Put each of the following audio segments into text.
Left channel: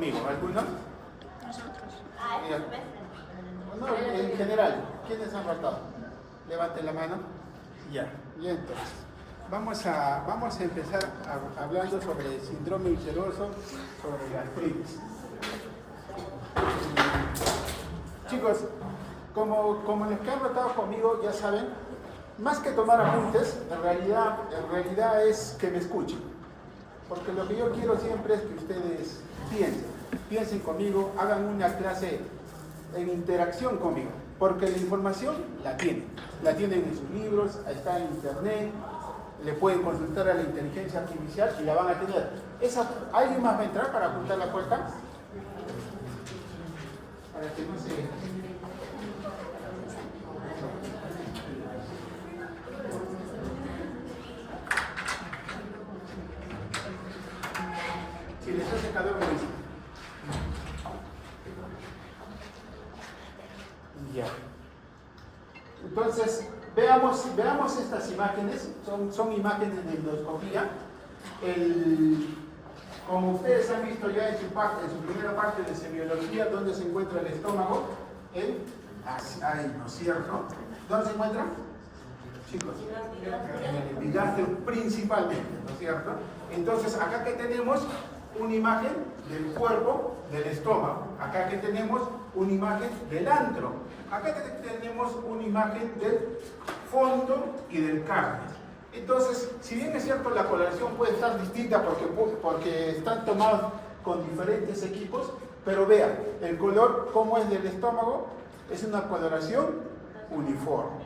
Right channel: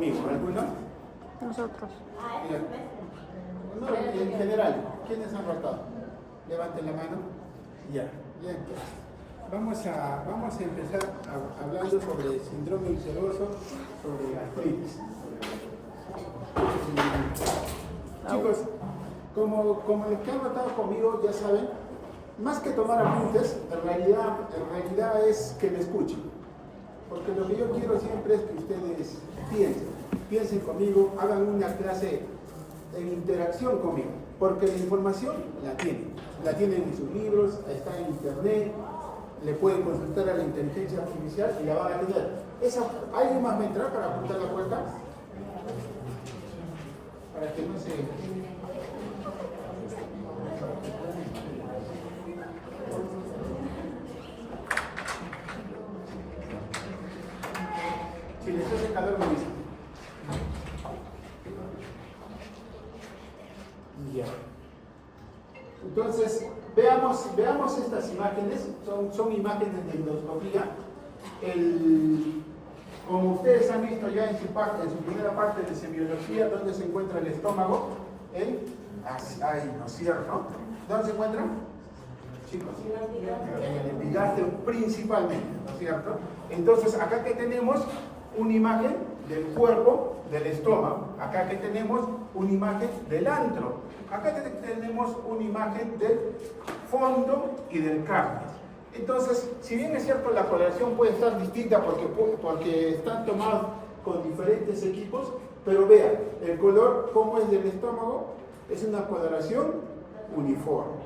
conmigo? ¿Alguno? Nosotros. No, en general, ¿quiénes han rotado? Levanten la mano. Ya, y entonces. Vamos a empezar hablando sobre el síndrome ulceroso, sobre gastritis. Chicos, como los que han rotado conmigo ya saben, más que tomar apuntes, en realidad es que me escuchen. Porque lo que yo quiero siempre es que ustedes piensen conmigo, hagan una clase en interacción conmigo. Porque la información la tienen en sus libros, está en internet, le pueden consultar a la inteligencia artificial y la van a tener. ¿Alguien más va a entrar para apuntar la puerta? Para que no se... Si les hace calor, me dicen. Ya. Entonces, veamos estas imágenes. Son imágenes de endoscopía. Como ustedes han visto ya en su primera parte de semiología, ¿dónde se encuentra el estómago? Ahí, ¿no es cierto? ¿Dónde se encuentra? Chicos, en el epigastrio principalmente, ¿no es cierto? Entonces, acá que tenemos una imagen del cuerpo, del estómago. Acá que tenemos una imagen del antro. Acá que tenemos una imagen del fondo y del cardio. Entonces, si bien es cierto la coloración puede estar distinta porque están tomados con diferentes equipos, pero vean, el color, como es del estómago, es una coloración uniforme.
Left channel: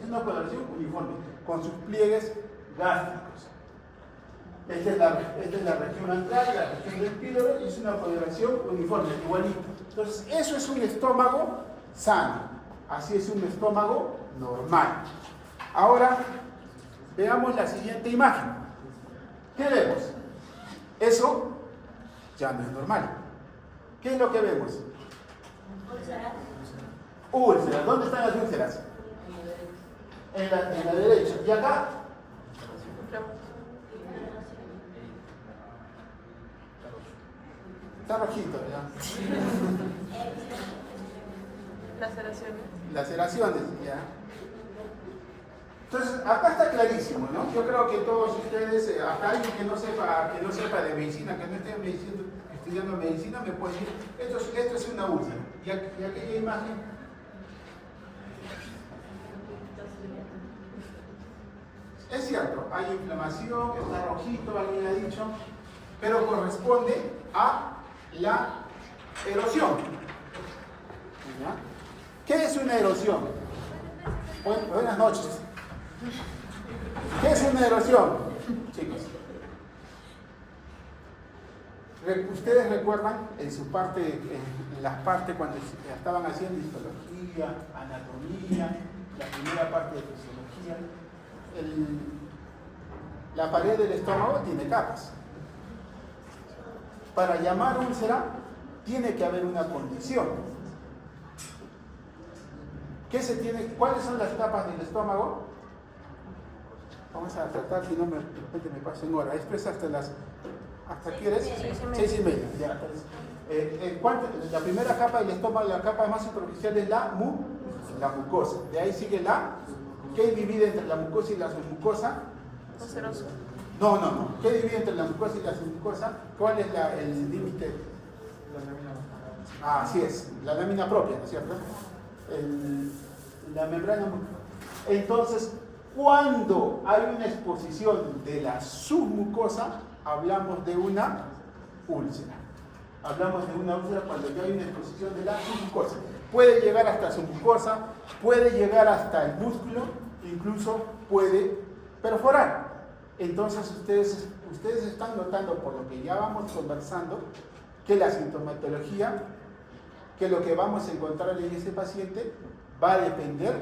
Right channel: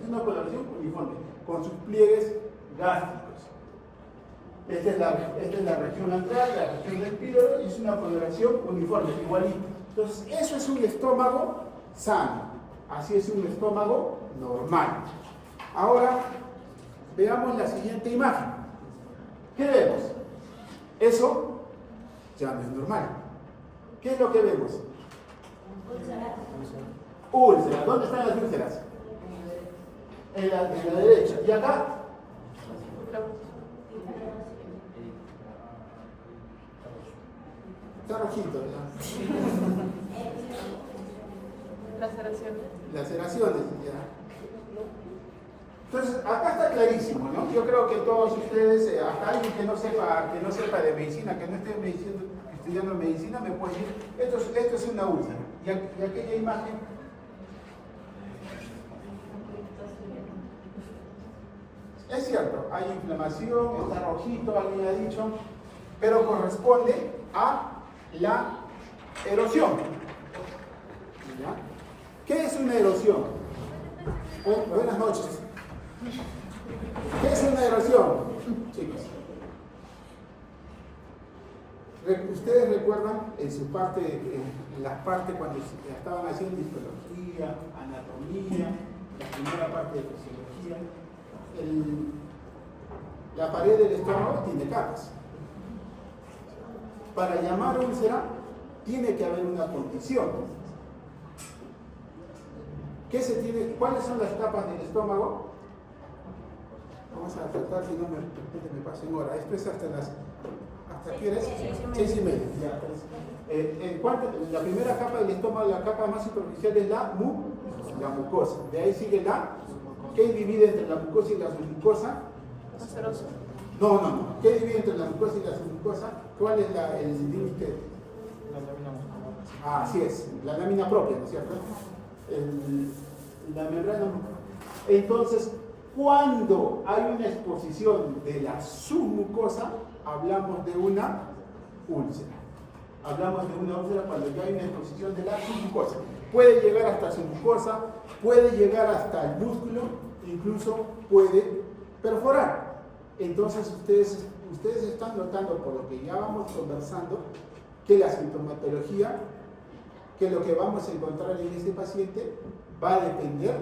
Es una coloración uniforme, con sus pliegues gástricos. Esta es la región antral, la región del píloro, y es una coloración uniforme, igualito. Entonces, eso es un estómago sano. Así es un estómago normal. Ahora, veamos la siguiente imagen. ¿Qué vemos? Eso ya no es normal. ¿Qué es lo que vemos? Úlceras. ¿Dónde están las úlceras? En la derecha. ¿Y acá? Está rojito, ¿no? Laceraciones, ya. Entonces, acá está clarísimo, ¿no? Yo creo que todos ustedes, hasta alguien que no sepa de medicina, que no esté estudiando medicina, me puede decir, esto es una úlcera. Y aquella imagen. Es cierto, hay inflamación, está rojito, alguien ha dicho, pero corresponde a la erosión. ¿Ya? ¿Qué es una erosión? Buenas noches. ¿Qué es una erosión, chicos? ¿Ustedes recuerdan en las partes cuando estaban haciendo histología, anatomía, la primera parte de fisiología? La pared del estómago tiene capas. Para llamar úlcera, tiene que haber una condición. ¿Cuáles son las capas del estómago? Vamos a tratar, si no de repente me pasen hora. Esto es ¿hasta quieres? 6:30. Ya, pues, la primera capa del estómago, la capa más superficial es la mucosa. De ahí sigue ¿qué divide entre la mucosa y la submucosa? No. ¿Qué divide entre la mucosa y la submucosa? ¿Cuál es el límite? Así es, la lámina propia, ¿no es cierto? La membrana. Entonces, cuando hay una exposición de la submucosa, hablamos de una úlcera. Hablamos de una úlcera cuando ya hay una exposición de la submucosa. Puede llegar hasta submucosa, puede llegar hasta el músculo, incluso puede perforar. Entonces, ustedes están notando, por lo que ya vamos conversando, que la sintomatología, que lo que vamos a encontrar en este paciente va a depender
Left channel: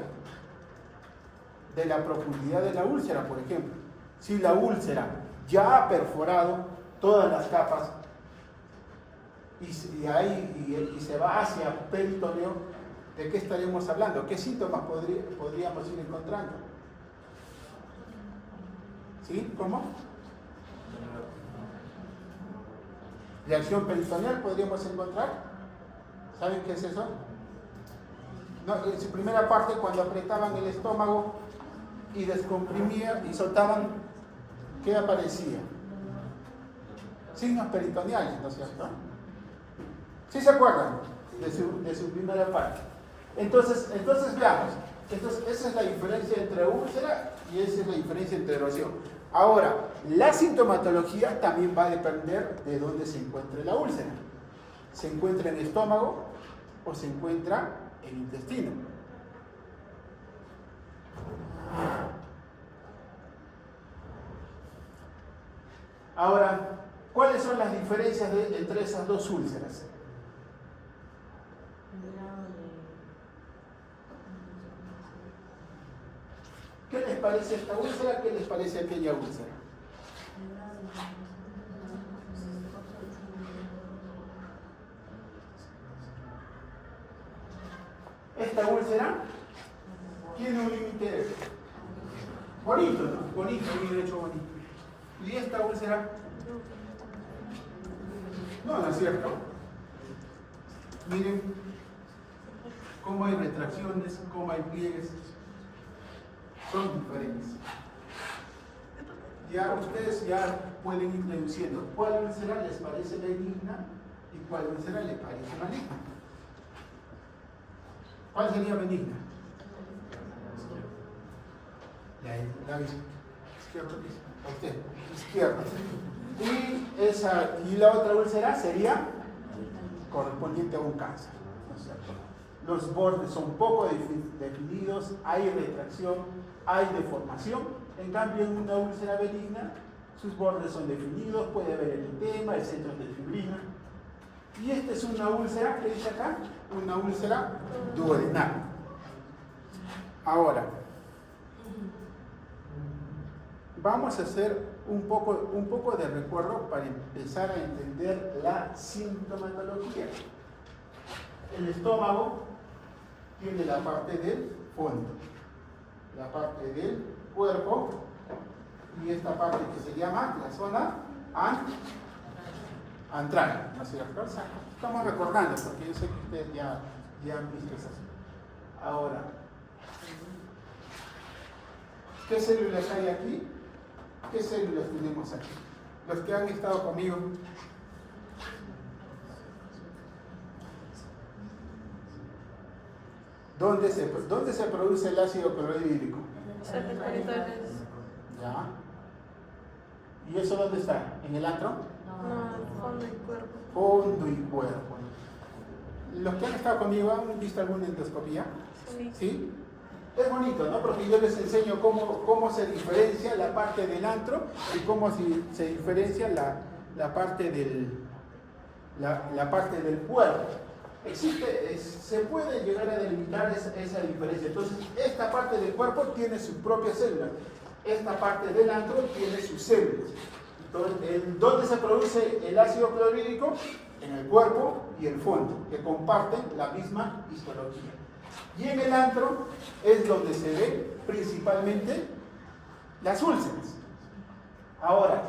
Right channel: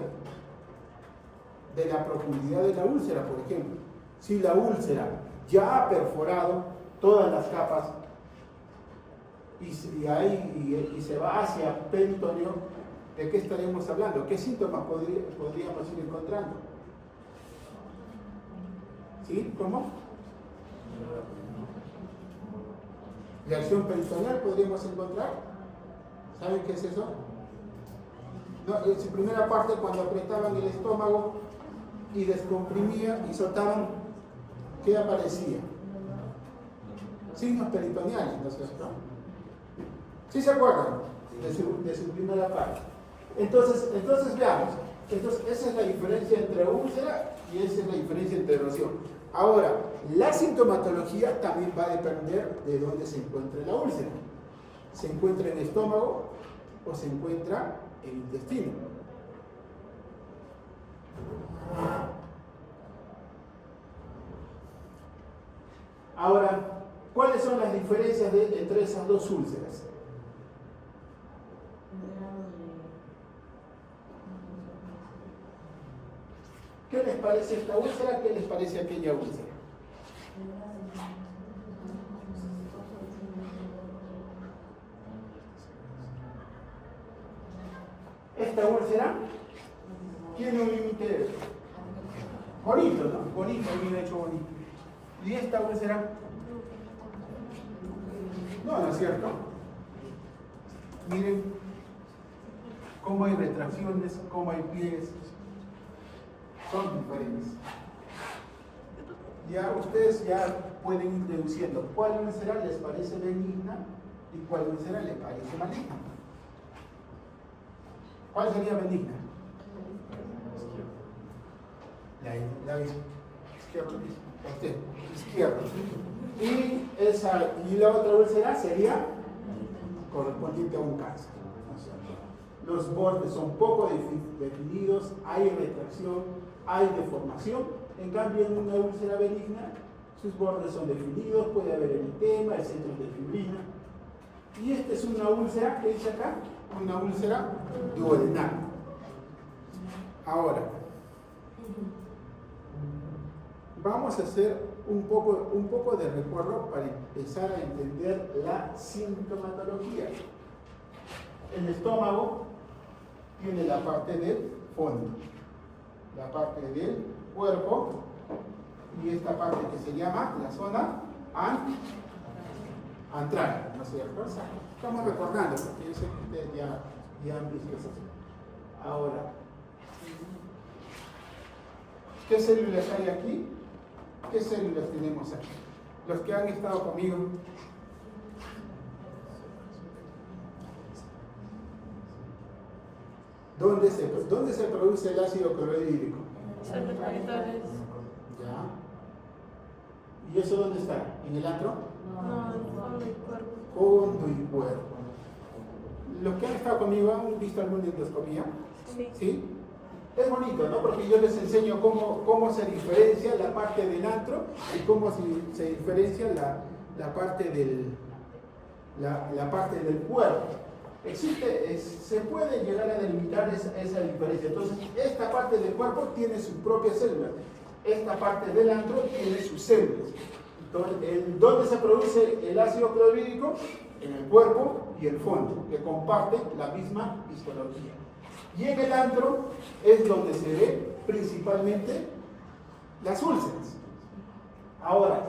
de la profundidad de la úlcera, por ejemplo. Si la úlcera ya ha perforado todas las capas y se va hacia peritoneo, ¿de qué estaremos hablando? ¿Qué síntomas podríamos ir encontrando? ¿Sí? ¿Cómo? Reacción peritoneal podríamos encontrar. ¿Saben qué es eso? No, en su primera parte, cuando apretaban el estómago y descomprimían y soltaban, ¿qué aparecía? Signos peritoneales, ¿no es cierto? ¿Sí se acuerdan de su primera parte? Entonces veamos. Entonces, esa es la diferencia entre úlcera y esa es la diferencia entre erosión. Ahora, la sintomatología también va a depender de dónde se encuentre la úlcera. ¿Se encuentra en el estómago o se encuentra en el intestino? Ahora, ¿cuáles son las diferencias entre esas dos úlceras? ¿Qué les parece esta úlcera? ¿Qué les parece aquella úlcera? Esta úlcera tiene un límite bonito, ¿no? Bonito, bien hecho, bonito. ¿Y esta úlcera? No es cierto. Miren cómo hay retracciones, cómo hay pliegues. Son diferentes. Ya ustedes ya pueden ir deduciendo cuál úlcera les parece benigna y cuál úlcera les parece maligna. ¿Cuál sería benigna? La izquierda. Usted, izquierda. Y la otra úlcera sería correspondiente a un cáncer, ¿no es cierto? Los bordes son poco definidos, hay retracción, hay deformación. En cambio, en una úlcera benigna, sus bordes son definidos, puede haber eritema, el centro de fibrina. Y esta es una úlcera, ¿qué dice acá? Una úlcera duodenal. Ahora, vamos a hacer un poco de recuerdo para empezar a entender la sintomatología. El estómago tiene la parte del fondo, la parte del cuerpo y esta parte que se llama la zona antral, ¿no es cierto? O sea, estamos recordando porque yo sé que ustedes ya han visto eso. Ahora, ¿qué células hay aquí? ¿Qué células tenemos aquí? Los que han estado conmigo. ¿Dónde se produce el ácido clorhídrico? ¿Ya? ¿Y eso dónde está? ¿En el antro? No, fondo y cuerpo. Fondo y cuerpo. ¿Los que han estado conmigo han visto alguna endoscopía? Sí. ¿Sí? Es bonito, ¿no? Porque yo les enseño cómo se diferencia la parte del antro y cómo se diferencia la parte del cuerpo. Se puede llegar a delimitar esa diferencia. Entonces, esta parte del cuerpo tiene sus propias células. Esta parte del antro tiene sus células. Entonces, ¿dónde se produce el ácido clorhídrico? En el cuerpo y el fondo, que comparten la misma histología. Y en el antro es donde se ve principalmente las úlceras. Ahora,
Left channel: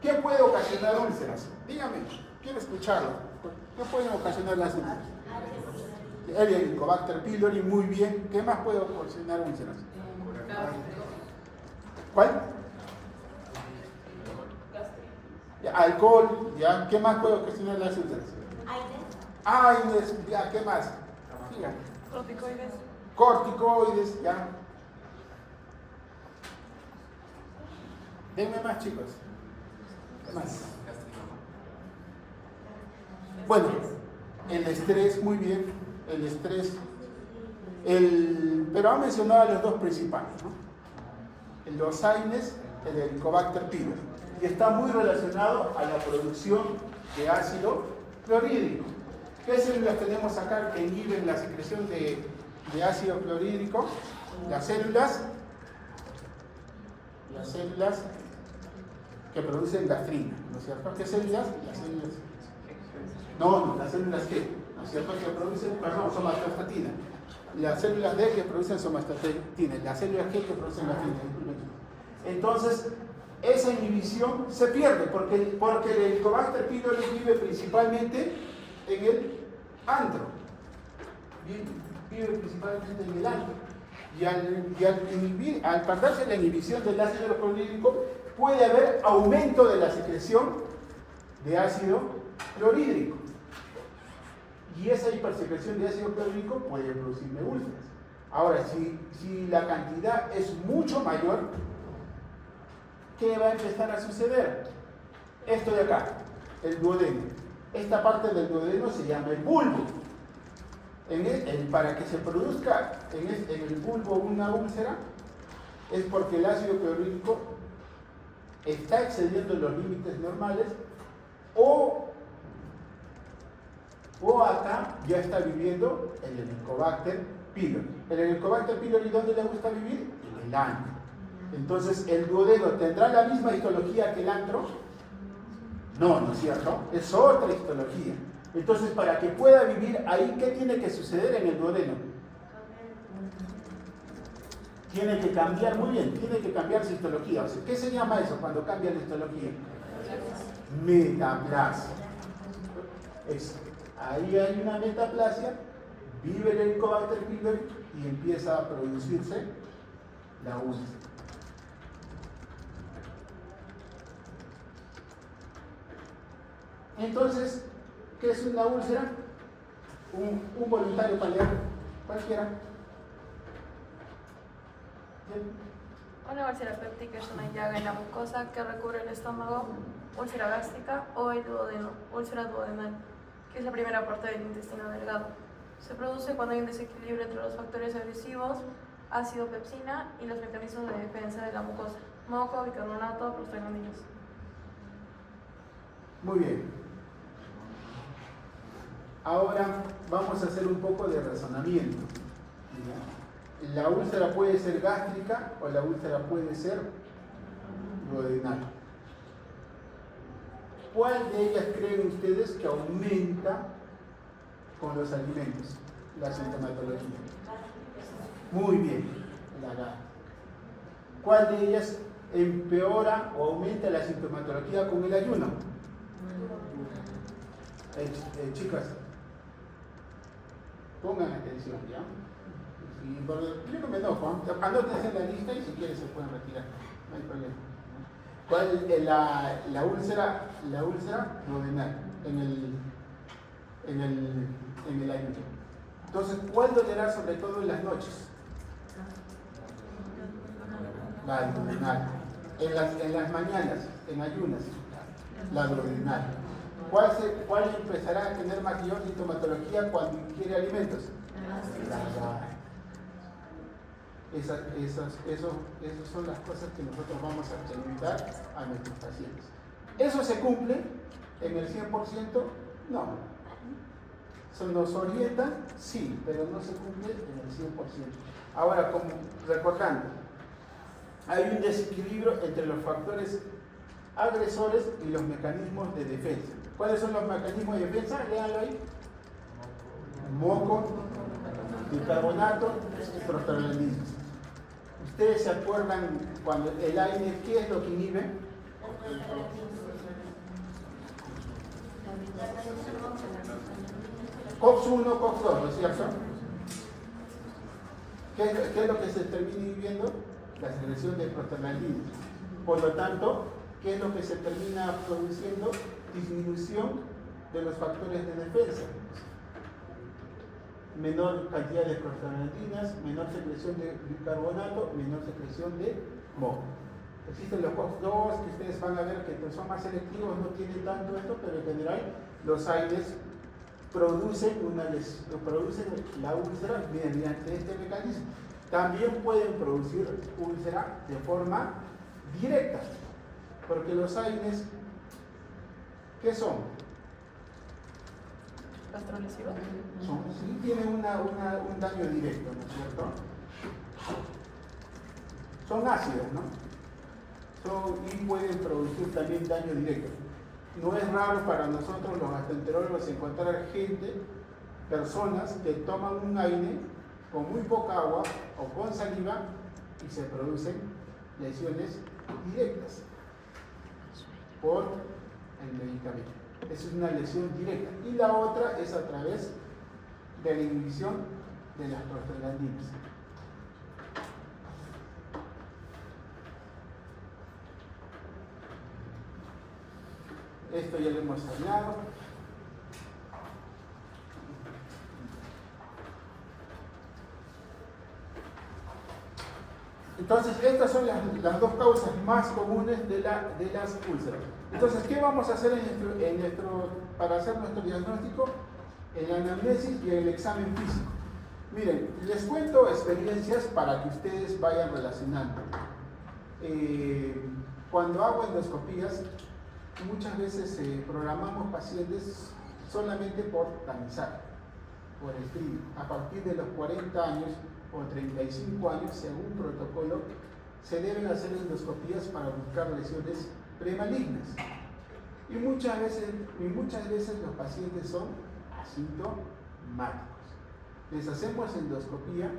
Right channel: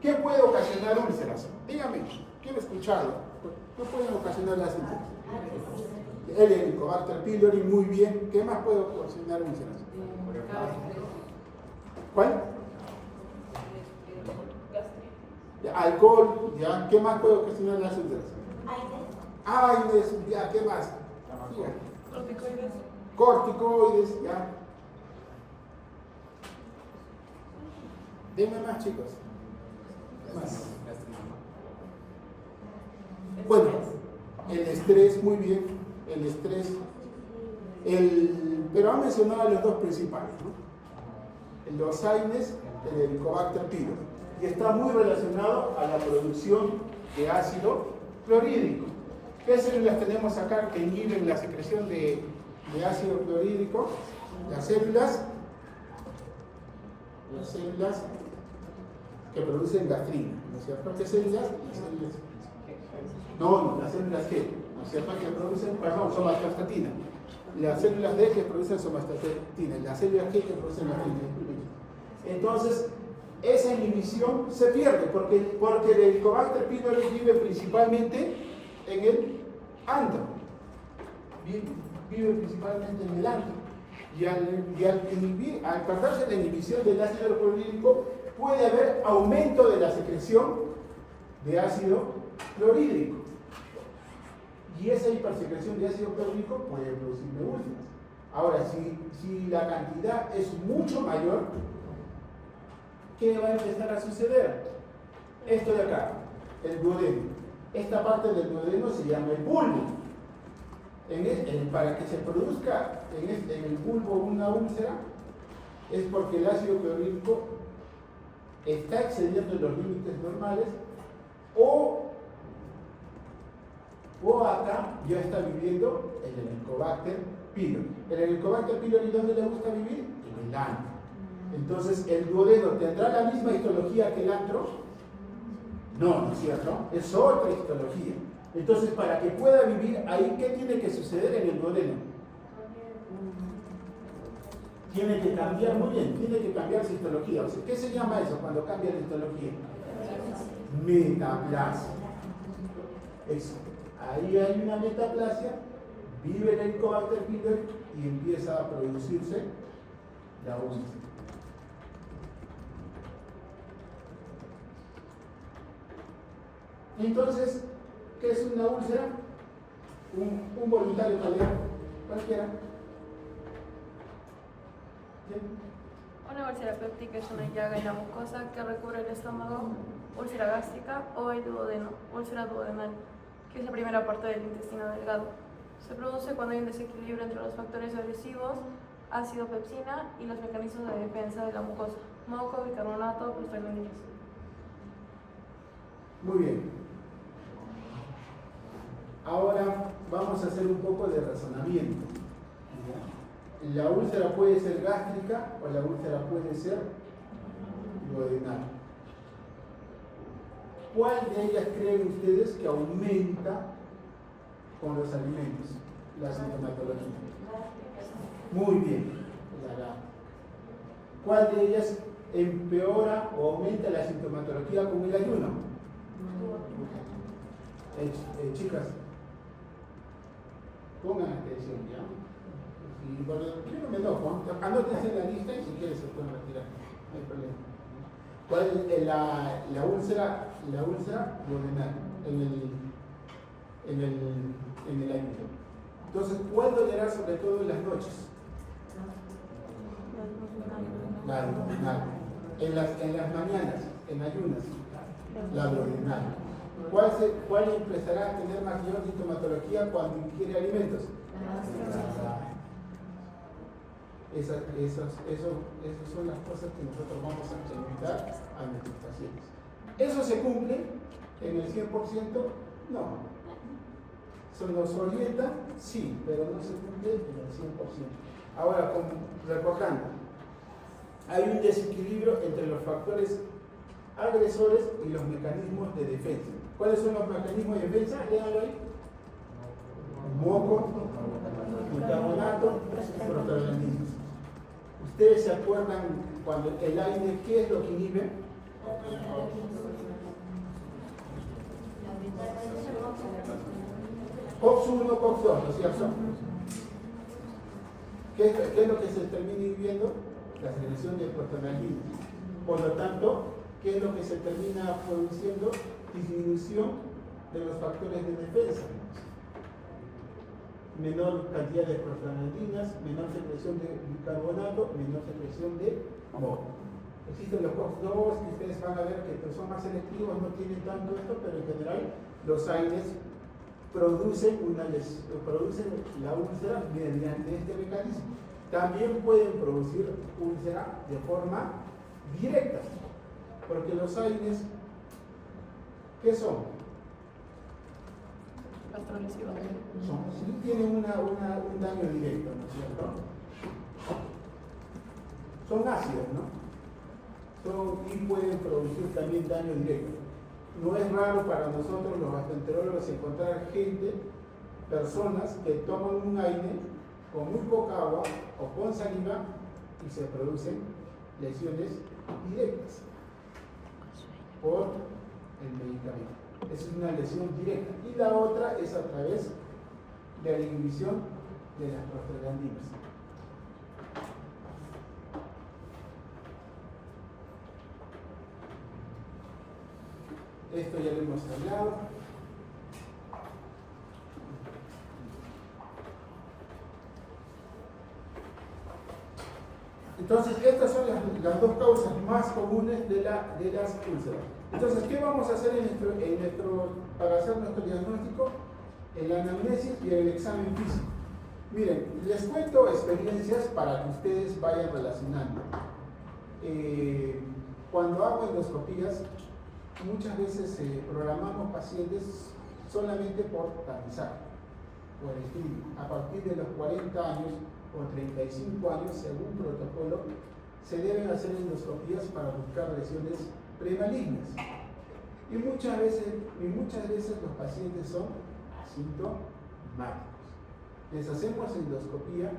¿qué puede ocasionar úlceras? Dígame, quiero escucharlo. ¿Qué pueden ocasionar las úlceras? El Helicobacter pylori, muy bien. ¿Qué más puede ocasionar úlceras? ¿Cuál? Alcohol, ¿ya? ¿Qué más puede ocasionar las úlceras? Aires, ¿ya? ¿Qué más? Corticoides. Corticoides, ¿ya? Denme más, chicos. Más. Bueno, el estrés, muy bien. El estrés. Pero han mencionado a los dos principales, ¿no? Los AINES, el Helicobacter pylori. Y está muy relacionado a la producción de ácido clorhídrico. ¿Qué células tenemos acá que inhiben la secreción de ácido clorhídrico? Las células que producen gastrina, ¿no es cierto? ¿Qué células? Las células. No, las células G, ¿no es cierto? Que producen, somatostatina. Las células D que producen somatostatina, las células G que producen gastrina. Entonces, esa inhibición se pierde, porque el Helicobacter pylori vive principalmente en el antro. Vive principalmente en el antro. Y al perderse la inhibición del ácido clorhídrico, puede haber aumento de la secreción de ácido clorhídrico. Y esa hipersecreción de ácido clorhídrico puede producirme úlceras. Ahora, si la cantidad es mucho mayor, ¿qué va a empezar a suceder? Esto de acá, el duodeno. Esta parte del duodeno se llama el bulbo. Para que se produzca en el bulbo una úlcera, es porque el ácido clorhídrico está excediendo los límites normales o acá ya está viviendo el Helicobacter pylori. El Helicobacter pylori, ¿dónde le gusta vivir? En el antro. Entonces, ¿el duodeno tendrá la misma histología que el antro? No, ¿no es cierto? Es otra histología. Entonces, para que pueda vivir ahí, ¿qué tiene que suceder en el duodeno? Tiene que cambiar, muy bien, tiene que cambiar su histología. O sea, ¿qué se llama eso cuando cambia la histología? Metaplasia. Eso. Ahí hay una metaplasia, vive el Helicobacter pylori y empieza a producirse la úlcera. Entonces, ¿qué es una úlcera? Un voluntario paliativo, cualquiera. Bien. Una úlcera péptica es una llaga en la mucosa que recubre el estómago, úlcera gástrica o el duodeno, úlcera duodenal, que es la primera parte del intestino delgado. Se produce cuando hay un desequilibrio entre los factores agresivos, ácido pepsina y los mecanismos de defensa de la mucosa, moco, bicarbonato, prostaglandinas. Muy bien. Ahora vamos a hacer un poco de razonamiento. La úlcera puede ser gástrica o la úlcera puede ser duodenal. ¿Cuál de ellas creen ustedes que aumenta con los alimentos la sintomatología? Muy bien, la gástrica. ¿Cuál de ellas empeora o aumenta la sintomatología con el ayuno? Chicas, pongan atención, ¿ya? Yo no me enojo, anótense en la lista y si quieren se pueden retirar, no hay problema. ¿Cuál es la úlcera duodenal en el ayuno? Entonces, ¿cuál dolerá sobre todo en las noches? La duodenal. En las mañanas, en ayunas, la duodenal. ¿Cuál empezará a tener mayor sintomatología cuando ingiere alimentos? Esas son las cosas que nosotros vamos a preguntar a nuestros pacientes. ¿Eso se cumple en el 100%? No. ¿Nos orienta? Sí, pero no se cumple en el 100%. Ahora, recordando, hay un desequilibrio entre los factores agresores y los mecanismos de defensa. ¿Cuáles son los mecanismos de defensa? Léanlo ahí. Moco, bicarbonato, prostaglandinas. ¿Ustedes se acuerdan cuando el aire, qué es lo que inhibe? COX-1, COX-2, ¿no es cierto? ¿Qué es lo que se termina inhibiendo? La secreción de prostaglandinas. Por lo tanto, ¿qué es lo que se termina produciendo? Disminución de los factores de defensa. Menor cantidad de prostaglandinas, menor secreción de bicarbonato, menor secreción de moco. Existen los COX-2 que ustedes van a ver que son más selectivos, no tienen tanto esto, pero en general los AINES producen la úlcera mediante este mecanismo. También pueden producir úlcera de forma directa, porque los AINES, ¿qué son? Sí, tienen un daño directo, ¿no es cierto? Son ácidos, ¿no? Y pueden producir también daño directo. No es raro para nosotros los gastroenterólogos encontrar personas que toman un AINE con muy poca agua o con saliva y se producen lesiones directas. por el medicamento. Esa es una lesión directa. Y la otra es a través de la inhibición de las prostaglandinas. Esto ya lo hemos hablado. Entonces, estas son las dos causas más comunes de las úlceras. Entonces, ¿qué vamos a hacer para hacer nuestro diagnóstico? El anamnesis y el examen físico. Miren, les cuento experiencias para que ustedes vayan relacionando. Cuando hago endoscopías, muchas veces programamos pacientes solamente por tamizaje, por estudio. A partir de los 40 años o 35 años, según protocolo, se deben hacer endoscopías para buscar lesiones premalignas. Y muchas veces los pacientes son asintomáticos. Les hacemos endoscopía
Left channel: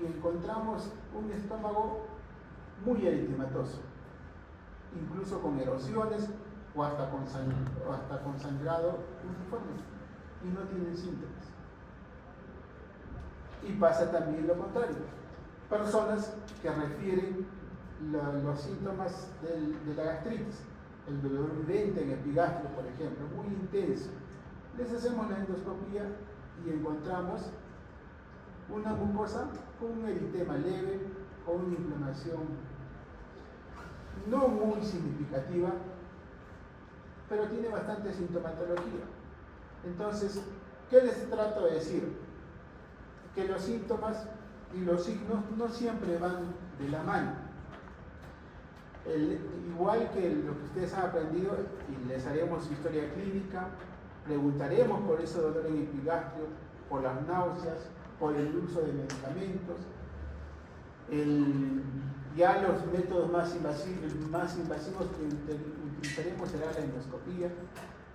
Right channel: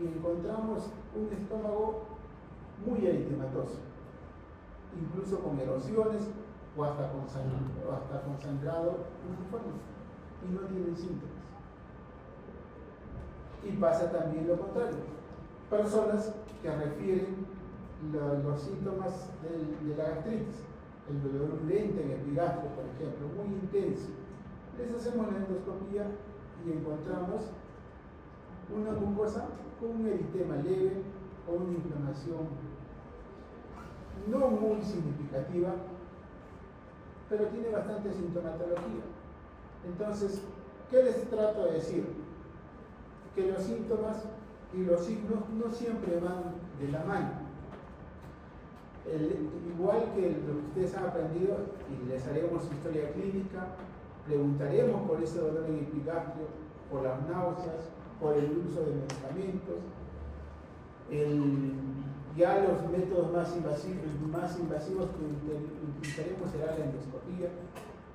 y encontramos un estómago muy eritematoso, incluso con erosiones o hasta con sangrado uniforme, y no tienen síntomas. Y pasa también lo contrario. Personas que refieren los síntomas de la gastritis, el dolor urente en epigastrio, por ejemplo, muy intenso. Les hacemos la endoscopía y encontramos una mucosa con un eritema leve o una inflamación no muy significativa, pero tiene bastante sintomatología. Entonces, ¿qué les trato de decir? Que los síntomas y los signos no siempre van de la mano. Igual que lo que ustedes han aprendido, y les haremos historia clínica, preguntaremos por ese dolor en epigastrio, por las náuseas, por el uso de medicamentos. Ya los métodos más invasivos que utilizaremos será la endoscopía.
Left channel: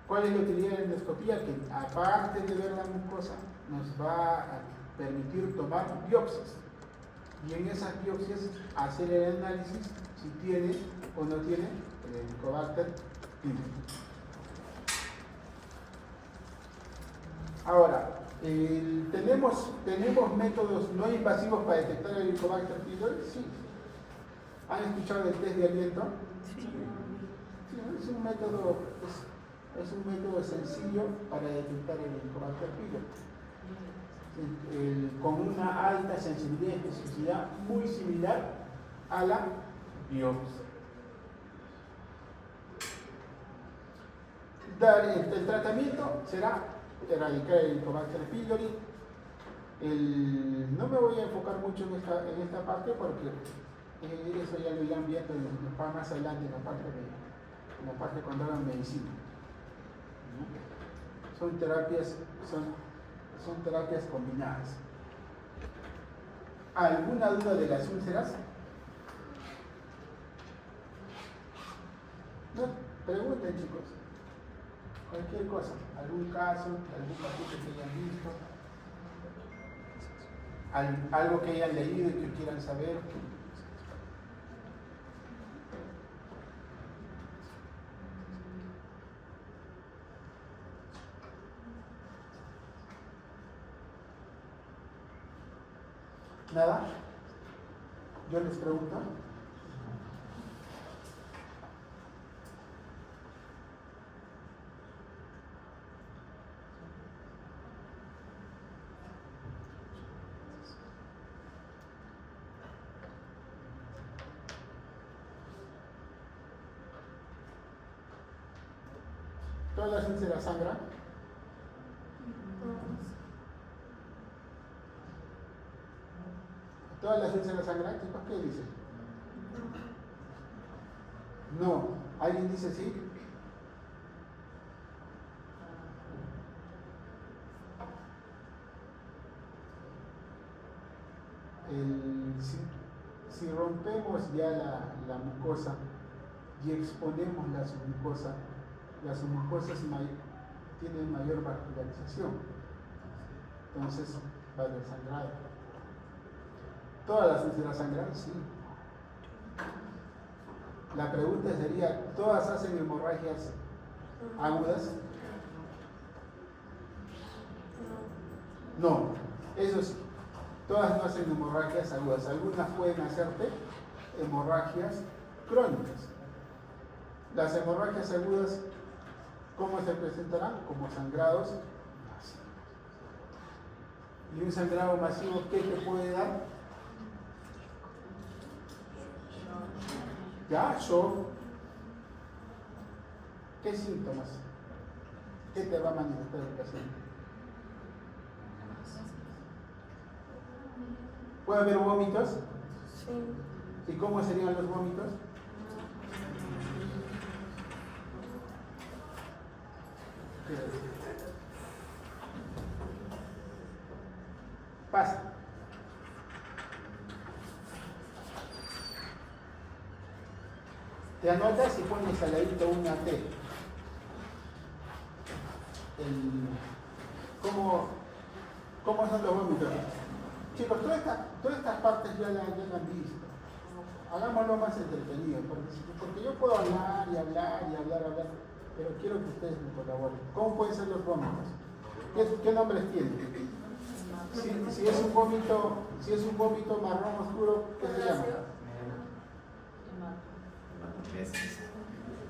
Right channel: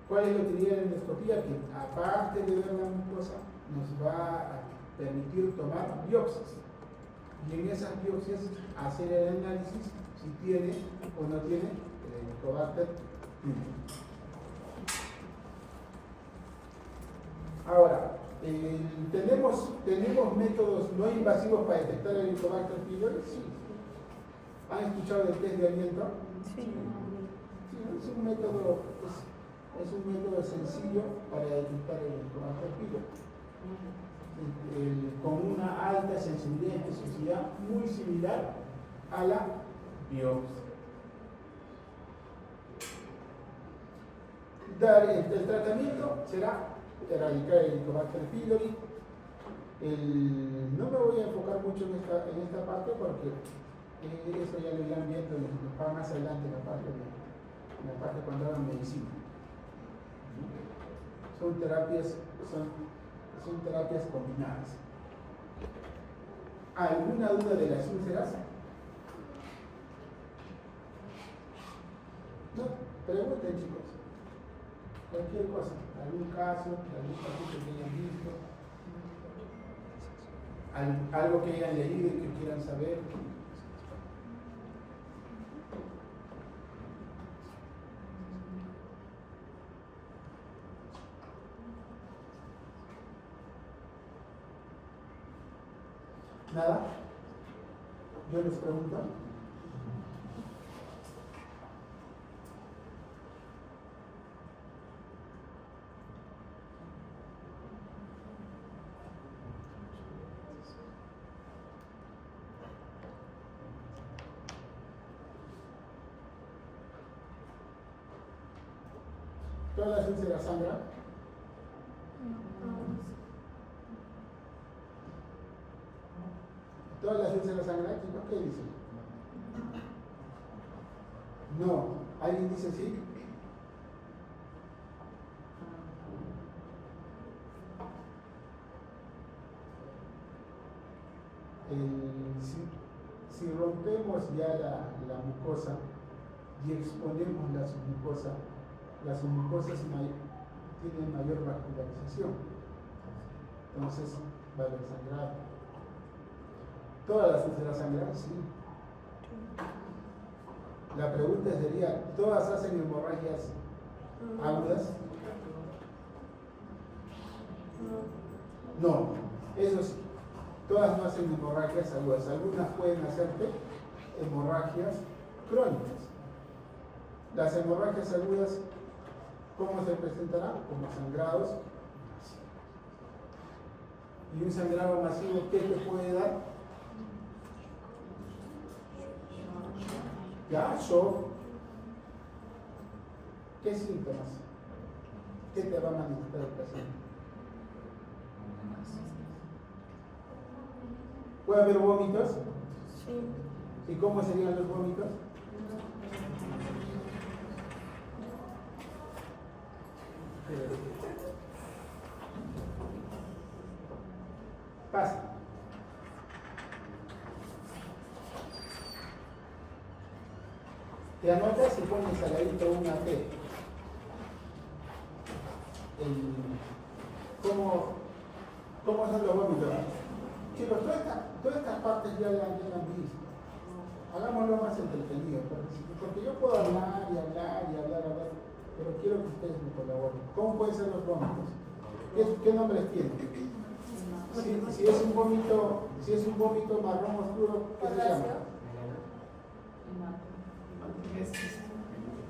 ¿Cuál es la utilidad de la endoscopía? Que aparte de ver la mucosa, nos va a permitir tomar biopsias. Y en esas biopsias hacer el análisis si tiene o no tiene el Helicobacter pylori. Ahora, ¿tenemos métodos no invasivos para detectar el Helicobacter pylori? Sí. ¿Han escuchado del test de aliento? Sí. Sí, es un método sencillo para detectar el Helicobacter pylori. Con una alta sensibilidad y especificidad muy similar a la biopsia. El tratamiento será erradicar el Helicobacter pylori. No me voy a enfocar mucho en esta parte porque eso ya lo irán viendo más adelante en la parte cuando hagan medicina. Son terapias combinadas. ¿Alguna duda de las úlceras? No, pregunten, chicos. Cualquier cosa, algún caso, algún paciente que hayan visto, algo que hayan leído y que quieran saber. ¿Nada? Yo les pregunto. ¿Todas las úlceras sangran? ¿Todas las úlceras sangran? ¿Por qué dicen? No. ¿Alguien dice sí? Si rompemos ya la mucosa y exponemos la submucosa tienen mayor vascularización, entonces va a haber sangrado. ¿Todas las úlceras sangran? Sí. La pregunta sería, ¿todas hacen hemorragias agudas? No, eso sí, todas no hacen hemorragias agudas. Algunas pueden hacerte hemorragias crónicas. Las hemorragias agudas, ¿cómo se presentarán? Como sangrados masivos. ¿Y un sangrado masivo qué te puede dar? Ya, shock. ¿Qué síntomas? ¿Qué te va a manifestar el paciente? ¿Puede haber vómitos? Sí. ¿Y cómo serían los vómitos? Pasa. Te anotas y pones al ladito una T. ¿Cómo son los vómitos? Chicos, todas estas partes ya las han visto. Hagámoslo más entretenido, porque yo puedo hablar y hablar y hablar, pero quiero que ustedes me colaboren. ¿Cómo pueden ser los vómitos? ¿Qué nombres tienen? Si es un vómito marrón oscuro, ¿qué se llama?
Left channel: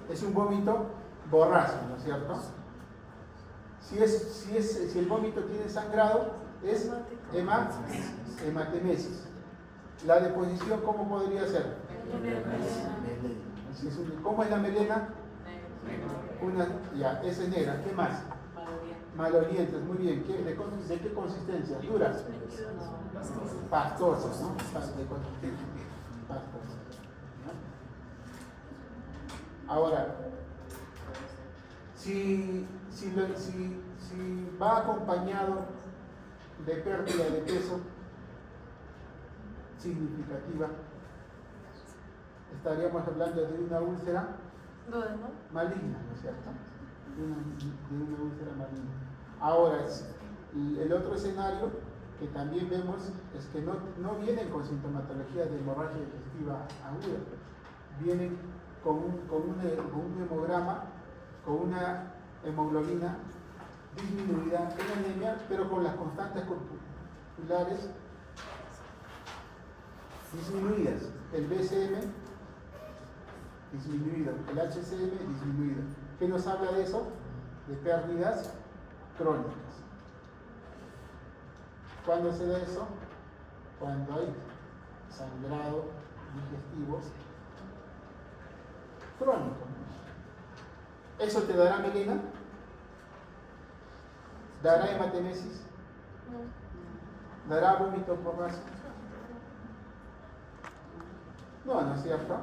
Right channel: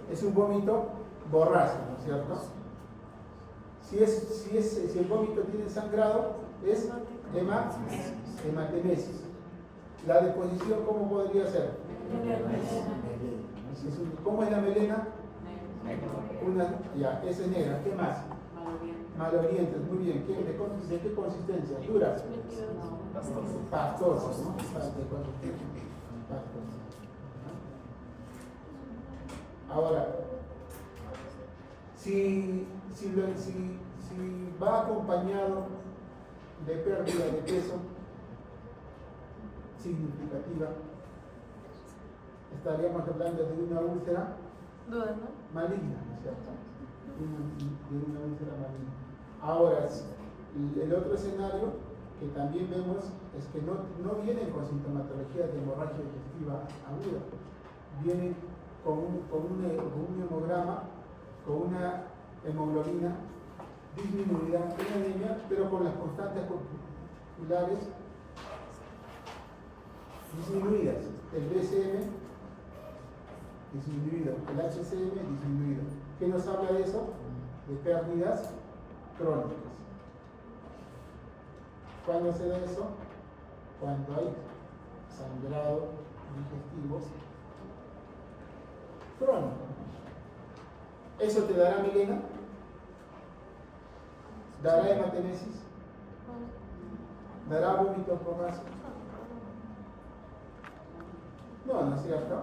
Es un vómito borrazo, ¿no es cierto? Si el vómito tiene sangrado, es hematemesis. La deposición, ¿cómo podría ser? ¿Cómo es la melena? Ya, esa es negra. ¿Qué más? Malolientes, muy bien. ¿De qué consistencia? Duras. Pastosas, ¿no? De consistencia pastosa. Ahora, si va acompañado de pérdida de peso significativa, estaríamos hablando de una úlcera maligna, ¿no es cierto? De una úlcera maligna. Ahora, el otro escenario que también vemos es que no vienen con sintomatología de hemorragia digestiva aguda, vienen con un hemograma, con una hemoglobina disminuida en anemia, pero con las constantes corpusculares disminuidas, el BCM disminuido, el HCM disminuido. ¿Qué nos habla de eso? De pérdidas crónicas. ¿Cuándo se da eso? Cuando hay sangrado digestivos crónico. ¿Eso te dará melena? ¿Dará hematemesis? ¿Dará vómitos borrachos? No es cierto.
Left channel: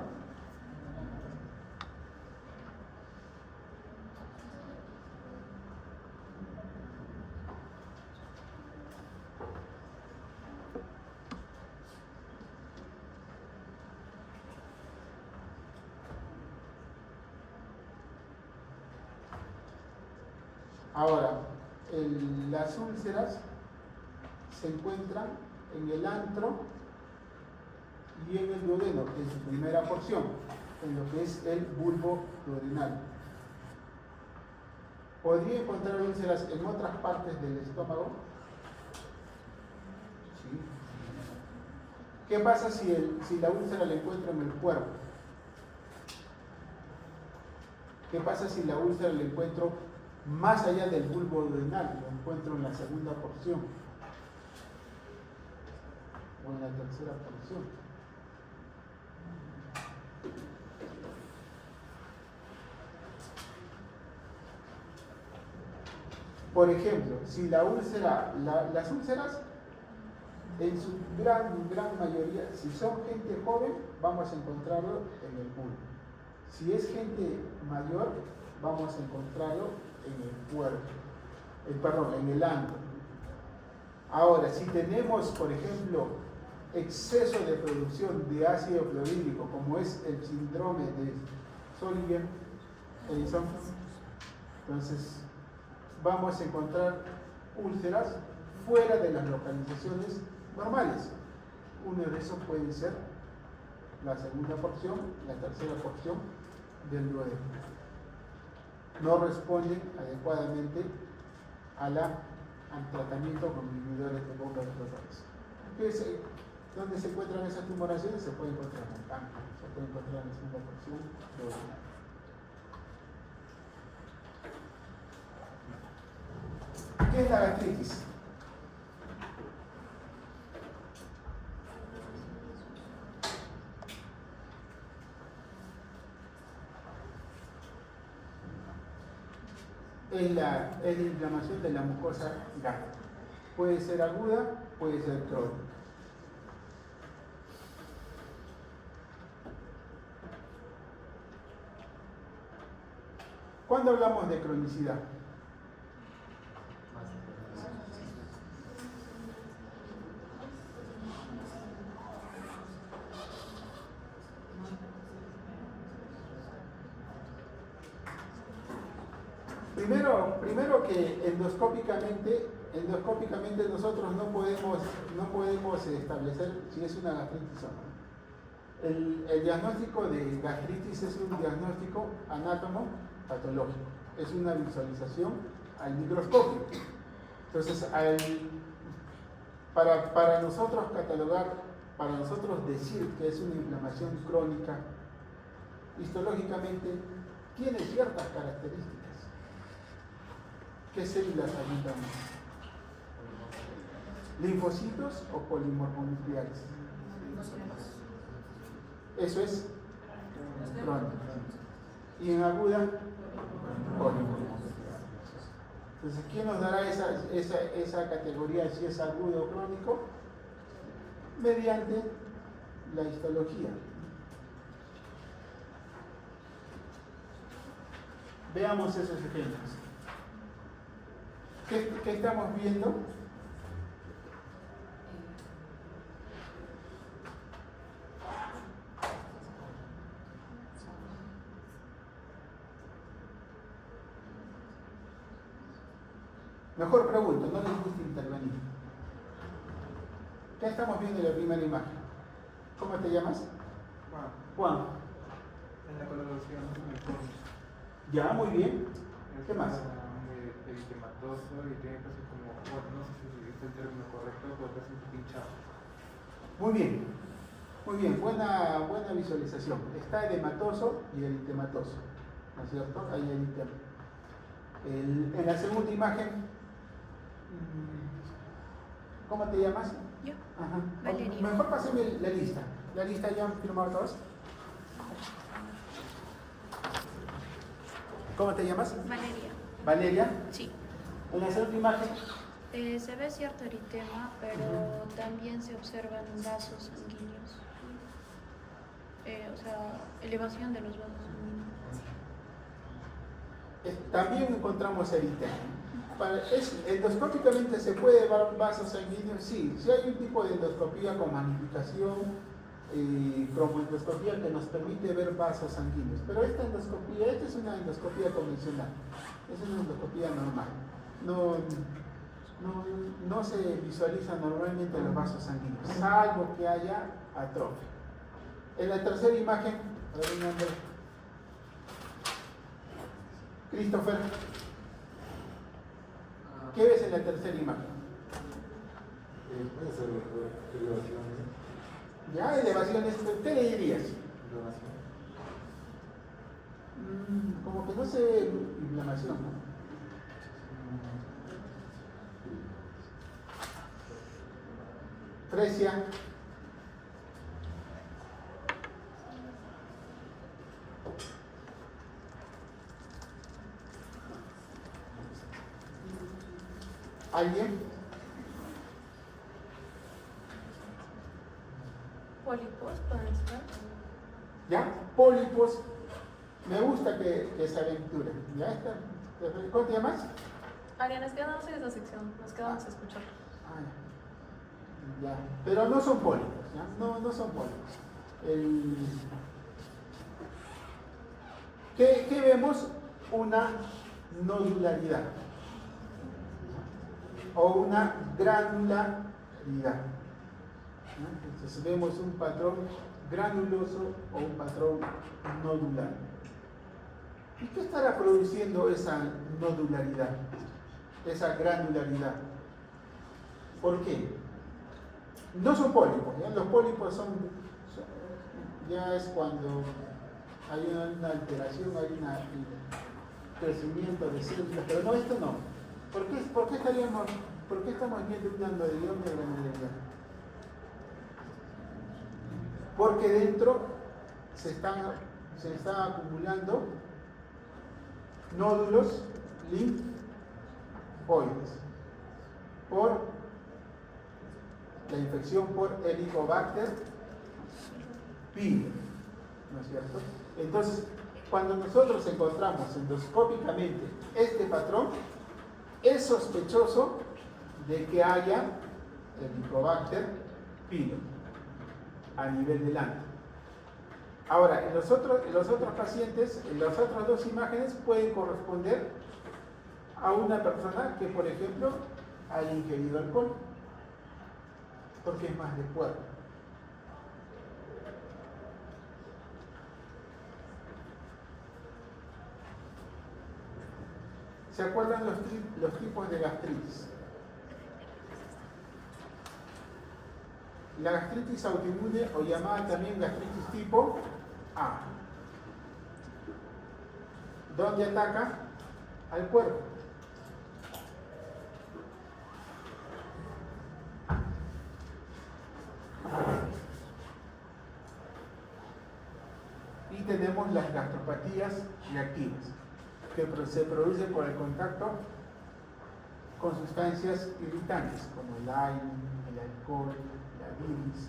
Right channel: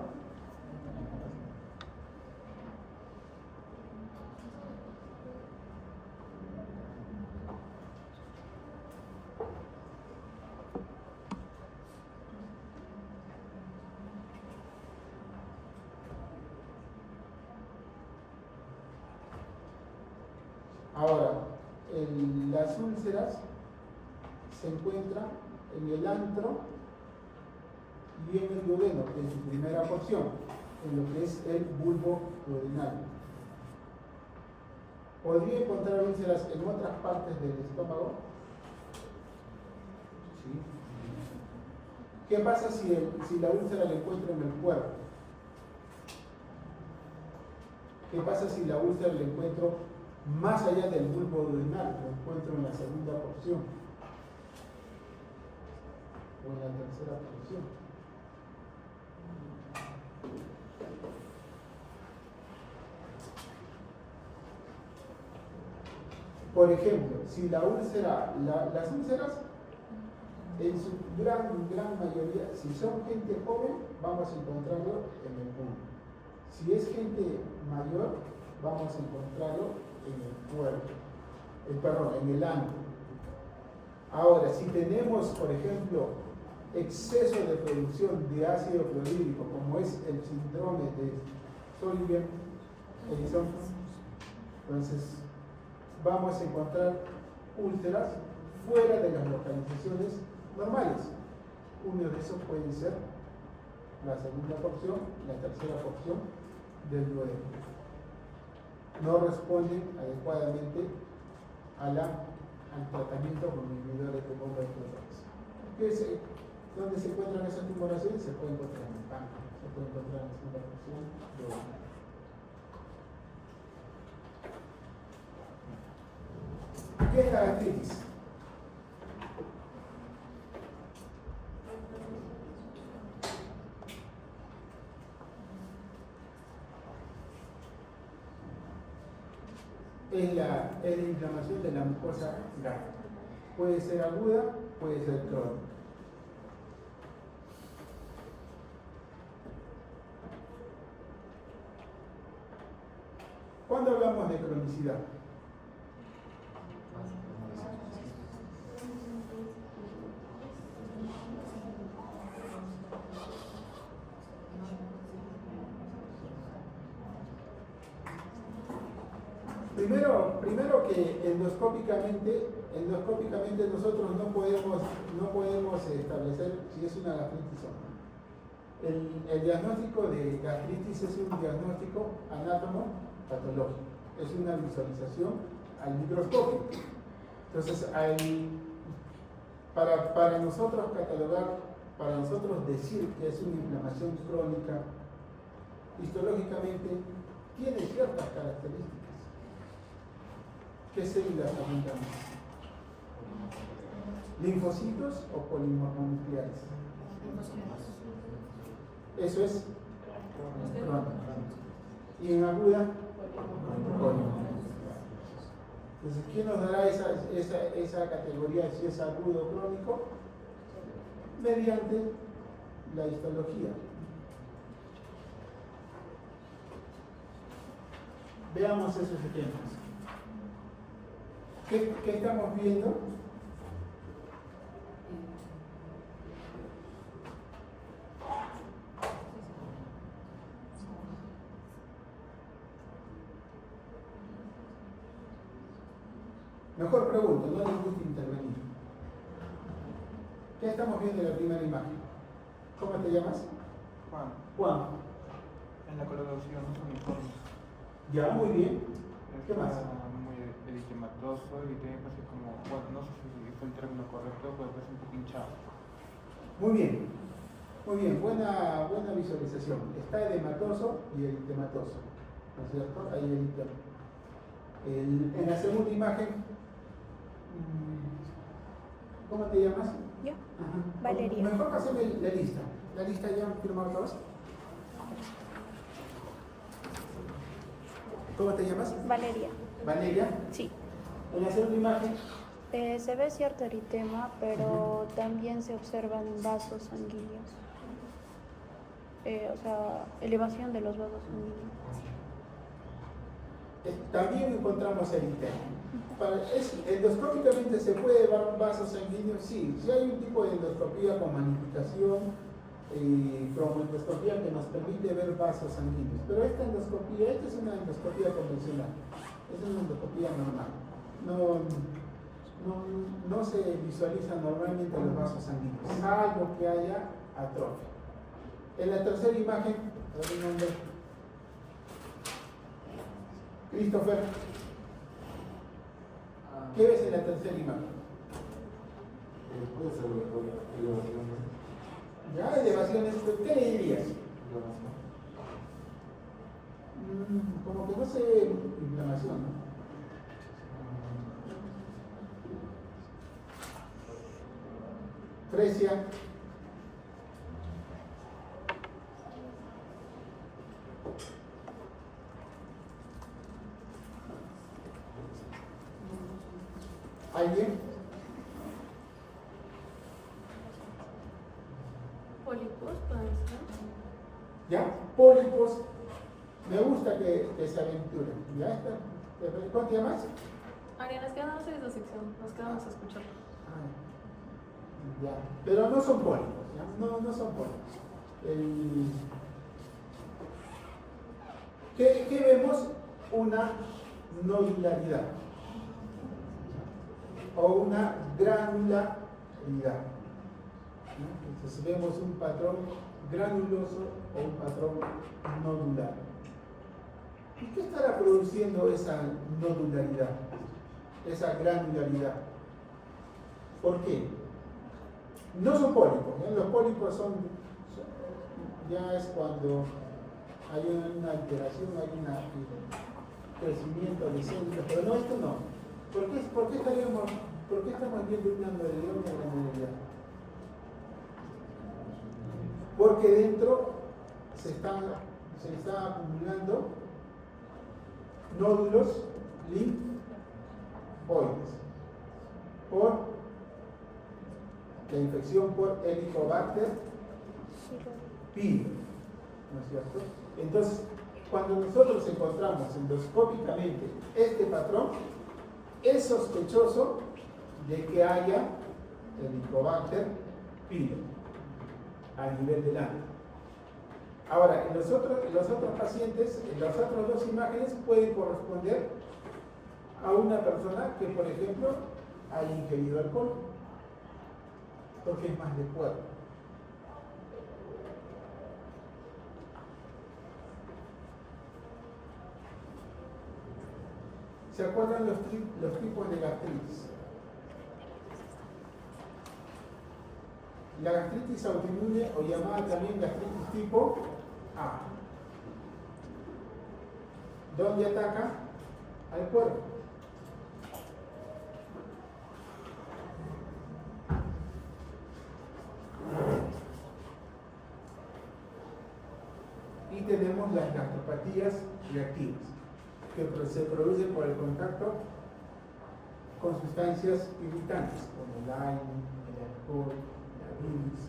Ahora, las úlceras se encuentran en el antro y en el duodeno, en su primera porción, en lo que es el bulbo duodenal. ¿Podría encontrar úlceras en otras partes del estómago? Sí. ¿Qué pasa si la úlcera la encuentro en el cuerpo? ¿Qué pasa si la úlcera la encuentro más allá del bulbo duodenal? Lo encuentro en la segunda porción o en la tercera porción. Por ejemplo, si la úlcera, las úlceras en su gran mayoría, si son gente joven, vamos a encontrarlo en el bulbo. Si es gente mayor, vamos a encontrarlo en el cuerpo, en el ano. Ahora, si tenemos, por ejemplo, exceso de producción de ácido clorhídrico, como es el síndrome de Solinger-Ellison, entonces vamos a encontrar úlceras fuera de las localizaciones normales. Uno de esos puede ser la segunda porción, la tercera porción del duodeno. No responden adecuadamente al tratamiento con inhibidores de bomba de protones. ¿Dónde se encuentran esas tumoraciones? Se puede encontrar en el páncreas, se puede encontrar en la segunda porción duodeno. ¿Qué es la gastritis? Es la inflamación de la mucosa gástrica. Puede ser aguda, puede ser crónica. ¿Cuándo hablamos de cronicidad? Primero que endoscópicamente nosotros no podemos establecer si es una gastritis o no. El diagnóstico de gastritis es un diagnóstico anátomo-patológico, es una visualización al microscopio. Entonces, para nosotros catalogar, para nosotros decir que es una inflamación crónica, histológicamente tiene ciertas características. ¿Qué células alimentan? ¿Linfocitos o polimorfonucleares? Eso es crónico. Y en aguda, polimonoclear. Entonces, ¿quién nos dará esa categoría si es agudo o crónico? Mediante la histología. Veamos esos ejemplos. ¿Qué estamos viendo? Mejor pregunto, no les gusta intervenir. ¿Qué estamos viendo en la primera imagen? ¿Cómo te llamas? Juan. En la coloración Ya, muy bien. ¿Qué más? Eritematoso y tiene casi como, bueno, no sé si es el término correcto, pero que es un poco hinchado. Muy bien. Muy bien, buena visualización. Está el hematoso y el eritematoso. ¿No es cierto? Ahí el eritema. En la segunda imagen, ¿cómo te llamas? Yo. Ajá. Valeria. Mejor pásame la lista. ¿La lista ya han firmado todos? ¿Cómo te llamas? Valeria. Valeria. Sí. En la segunda imagen, Se ve cierto eritema, pero también se observan vasos sanguíneos. O sea, elevación de los vasos sanguíneos. también encontramos eritema. Endoscópicamente se puede ver vasos sanguíneos, sí. Si hay un tipo de endoscopía con magnificación, cromoendoscopía que nos permite ver vasos sanguíneos. Pero esta es una endoscopía convencional, es una endoscopía normal. No se visualizan normalmente los vasos sanguíneos, salvo que haya atrofia. En la tercera imagen, a ver el nombre. Christopher, ¿qué ves en la tercera imagen? Puede ser elevaciones. Ya, elevaciones, ¿qué le dirías? Como que no se ve inflamación, ¿no? Fresia. ¿Alguien? Pólipos, pueden ser. ¿Ya? Pólipos. Me gusta que se aventuren. ¿Ya está? ¿Cómo te llamas? Ariana, es que no sé esta sección, nos quedamos a escuchar. Ya. Pero no son pólipos, ¿ya? No son pólipos. ¿Qué vemos? Una nodularidad o una granularidad. ¿No? Entonces vemos un patrón granuloso o un patrón nodular. ¿Y qué estará produciendo esa nodularidad, esa granularidad? ¿Por qué? No son pólipos, ¿ya? Los pólipos ya es cuando hay una alteración, hay un crecimiento de células, pero no, esto no. ¿Por qué estamos viendo una granularidad? Porque dentro se están acumulando nódulos linfoides por la infección por Helicobacter pylori, ¿no es cierto? Entonces, cuando nosotros encontramos endoscópicamente este patrón, es sospechoso de que haya Helicobacter pylori a nivel del ano. Ahora, en los otros pacientes, en las otras dos imágenes pueden corresponder a una persona que, por ejemplo, haya ingerido alcohol, porque es más de cuerpo. ¿Se acuerdan los tipos de gastritis? La gastritis autoinmune, o llamada también gastritis tipo A, ¿dónde ataca? Al cuerpo. Y tenemos las gastropatías reactivas, que se producen por el contacto con sustancias irritantes, como el aire, el alcohol, la bilis.